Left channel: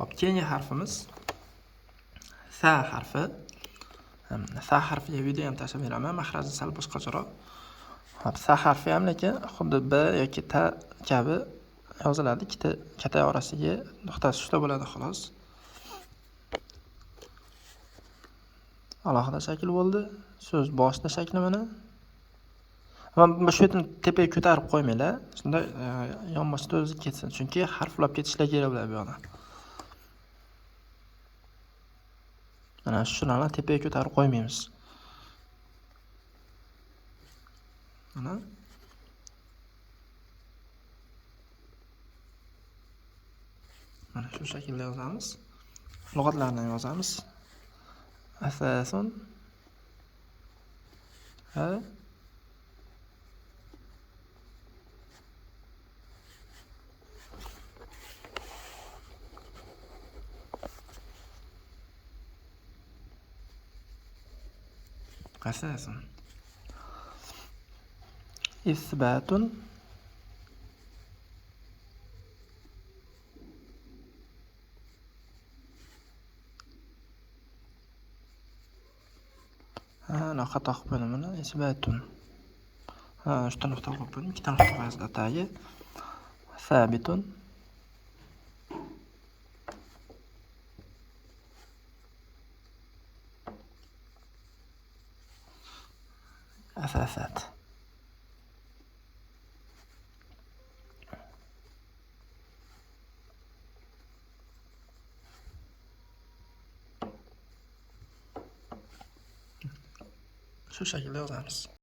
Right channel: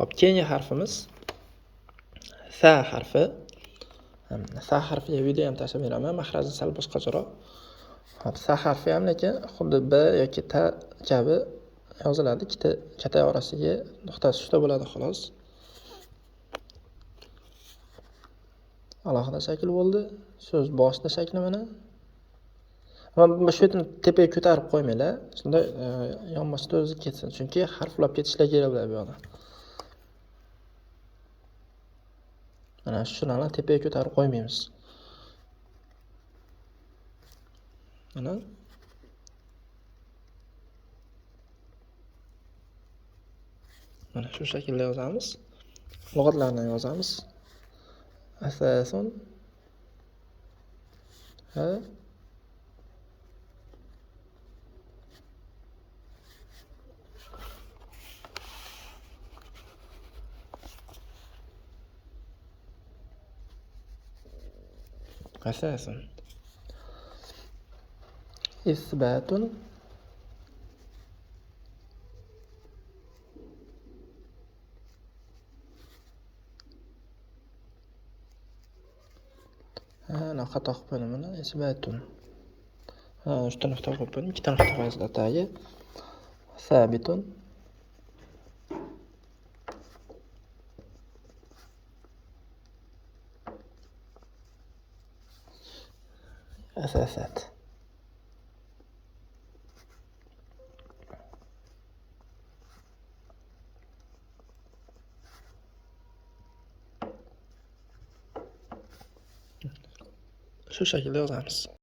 Hop, keyingi harfimiz sa harfi. Sa harfiga video ham tashlab beraman. Mahraji sal boshqacharoq. Hop, sa harfi ham lekin xuddi b yoki ta kabi yoziladi. Ikkita kata orasiga nuqtasi tushda bo'ladi xolos. Alohida shakl bo'ldi. So'z boshida shakli mana. Ammo shu yerni tepaga ko'tarib qo'ymanglar. Shunda yonboshda o'zi ketsin. Chunki harflab ketishlar kerak bo'ladi bu yoqda. Mana shularni tepaga ko'tarib qo'ymaymiz. Mana shu shaklda yozamiz. Lug'atlarni yozamiz. Asasun ha asasun isbatun xato qilib qo'ydim buni. Isbatun. Uchta nuqta qo'yib qo'ydim. Ikkita nuqta qo'yasiz atagi. Sabitun. Asasat. Shu shaklda yozamiz.